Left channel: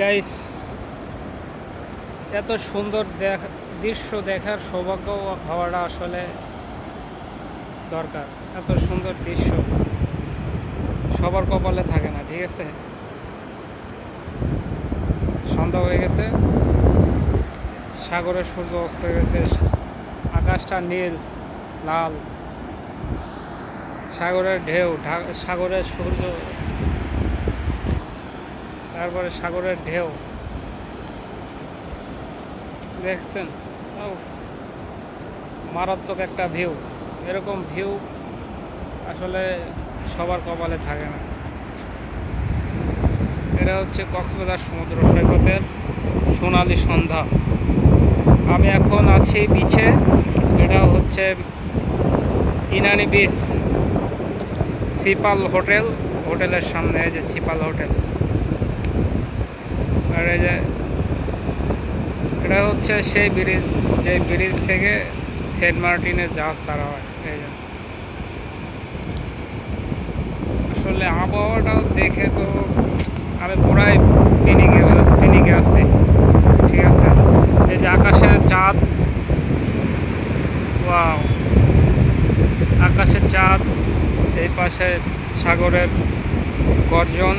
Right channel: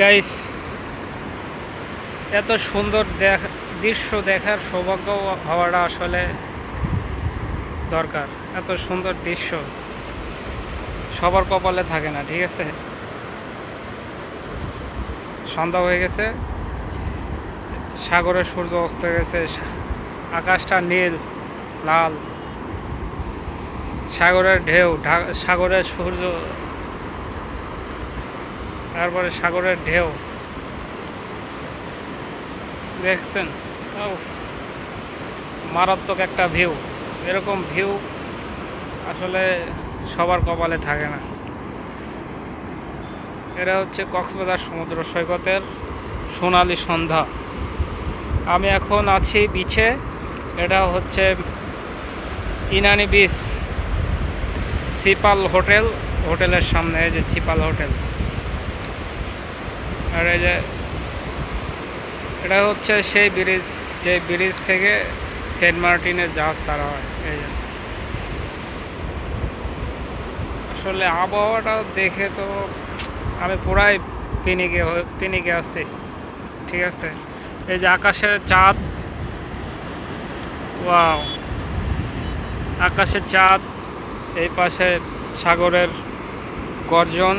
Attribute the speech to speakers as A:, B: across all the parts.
A: Guys এত সুন্দর দেখ দৃশ্য দেখার সৌভাগ্য হওয়াটা আসলে দরকার। এত সুন্দর দৃশ্য সবার কপালে থাকে না, ঠিক আছে? সন্ধ্যা হয়ে গেছে, সাগরের সূর্য অস্ত গেছে, আকাশটা নীল, লাল, সাগরের ঢেউ সাগরের সূর্য তারপরে সাগরের ঢেউ। দেখছেন? মারাত্মক একটা ভিউ এরকম ভিউ আসলে সবার কপালে থাকে না। এটা হচ্ছে কক্সবাজার সমুদ্র সৈকতের সোনালি সন্ধ্যা। আমি এখন আছি বিচে এটা হচ্ছে ইনানি বিচ সিপাল হোটেল। হোটেলের সামনে যে সিপাল হোটেল। আর এই যে এটা হচ্ছে সেই ব্রিজ, যে ব্রিজ থেকে সেন্ট মার্টিনের জাহাজ ছাড়া হয়, এই যে। আসলে আবহাওয়াটা দেখে তো আমি পুরাই পিনিকে পিনিকে আছি, ঠিক আছে? এই যে আকাশের চাঁদ, ওয়াও। আকাশের চাঁদ, এই পাশে সাগরের গর্জন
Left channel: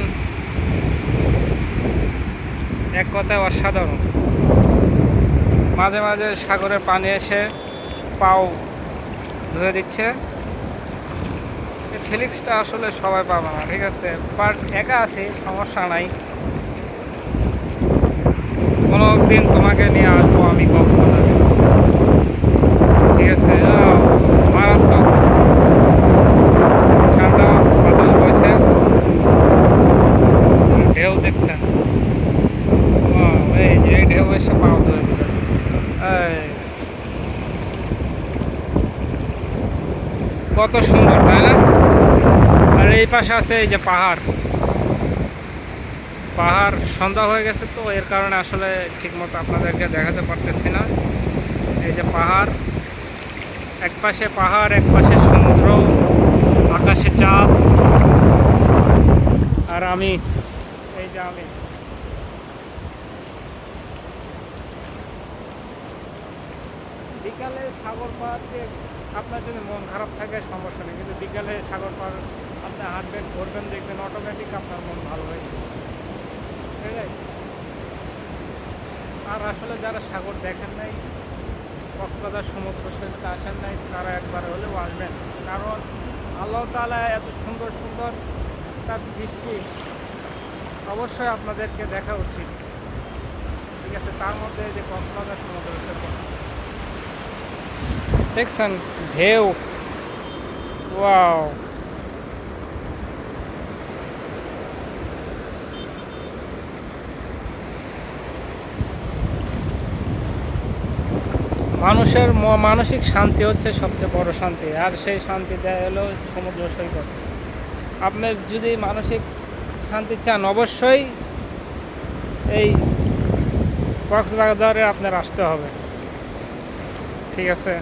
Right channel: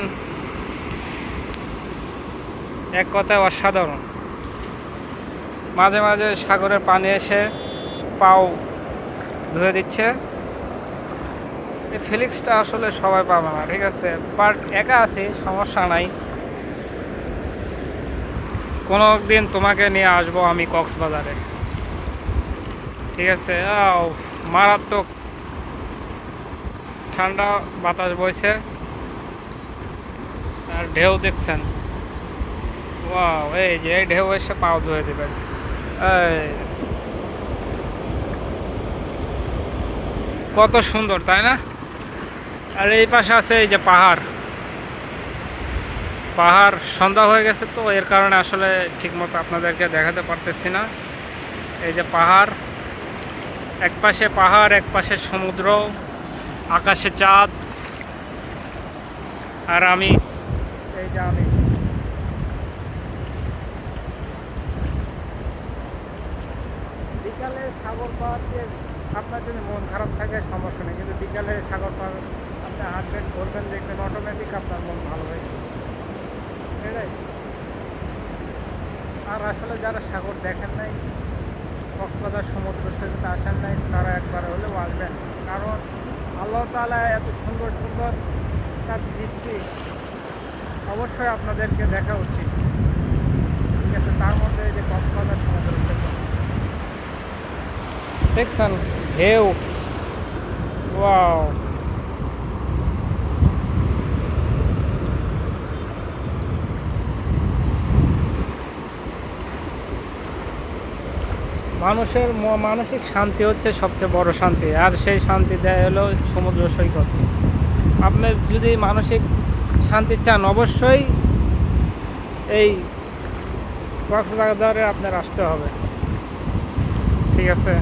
A: এক কথায় অসাধারণ। মাঝে মাঝে সাগরের পানি এসে পাও ধুয়ে দিচ্ছে। এই ফিলিংসটা আসলে সবাই পাবে না, ঠিক আছে? বাট একা আছি, সমস্যা নাই। কোনো দিন তোমাকে নিয়ে আসব আমি কক্সবাজারে। ঠিক আছে? মারাত্মক ঠান্ডা বাতাস বইছে। ঢেউ দেখছেন। এই যে, এই ঢেউ এসে পাও ধুয়ে দিবে। কত সুন্দর, তাই না? আর এই পাশে আছে এই যে পাহাড়। পাহাড় সন্ধ্যা হয়ে গেছে তো, এর কারণে আসলে ঠিকমতো আপনাদেরকে দেখাতে পারতেছি না। এই যে পাহাড়, এক পাশে পাহাড়, এক পাশে সমুদ্র, আকাশে চাঁদ। আর আমি, এই যে আমি। বিকালে সাগর পার দিয়ে আপনার যদি মন খারাপ থাকে, সমস্যা নেই। কিন্তু বিকালে সাগর পার আপনি হাঁটবেন, ঘুরবেন, দেখবেন অটোমেটিক আপনার মন ভালো হয়ে যাবে। এটাই আর আসলে যারা সাগর দেখেন নাই, কক্সবাজার সমুদ্র সৈকতে আসেন নাই, তারা একবার হলেও আসবেন। কারণ আল্লাহ তাআলা এত সুন্দর সুন্দর তার সৃষ্টি অবশ্যই আপনাদেরকে দেখা উচিত। ঠিক আছে? তার মধ্যে যে কক্সবাজার সমুদ্র সৈকত দেখছেন? ঢেউ। ওয়াও। মানুষের মানসিক শান্তি হচ্ছে সবচেয়ে বড় শান্তি। আর সেই শান্তি দেয় হলো সমুদ্র সৈকত। আপনি যদি মানসিক শান্তি চান, অবশ্যই এই কক্সবাজারে আপনার আসতে হবে। ঠিক আছে?